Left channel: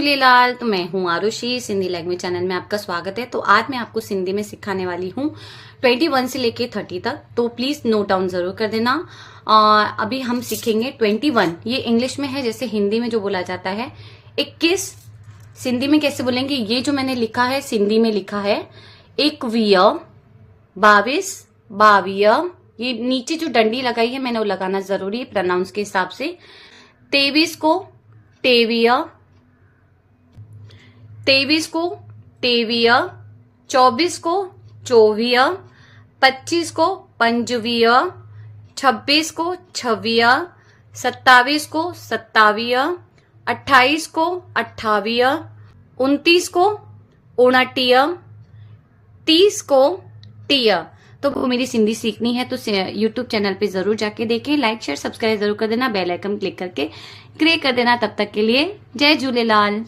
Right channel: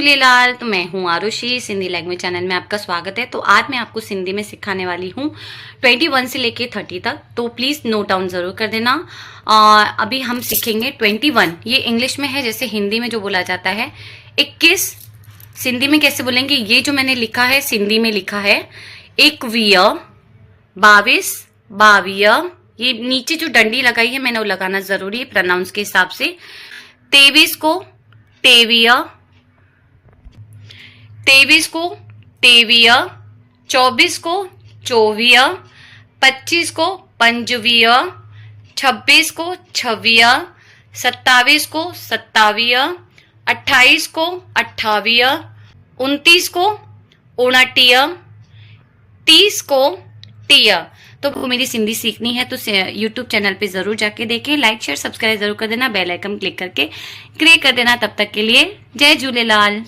झूलेलाल। तो मैं हूँ आरुषि, सिंधी लैंग्वेज चैनल में आपका स्वागत है। तो आज मैं आपको सिंधी में सिखाने वाली हूँ 21 से लेके 30 तक। तो प्लीज़ नोट डाउन ज़रूर कर देना। अभी हम सीखेंगे 21, ये इंग्लिश में है, जैसे हिंदी में जो बोला जाता है 21, सिंधी में कैसे बोलेंगे। ये जो मैंने लिखा है सिंधी में लिखा है 21, 22, 22। ये नीचे जो डंडी लगाई है मैंने वो लगाना ज़रूरी है प्रोनाउंस के हिसाब से। 23 को 23, 23 को 23, 24 को 24, 25 को 25, 26 को 26, 27 को 27, 28 को 28, 29 को 29, 30 को 30। तो वो मेरी सिंधी सीखनी है तो यूट्यूब चैनल पे ज़रूर जाके देखें। लाइक शेयर सब्सक्राइब ज़रूर कर देना, बेल आइकन क्लिक करके क्रिएट कर देना। तब तक के लिए जय झूलेलाल।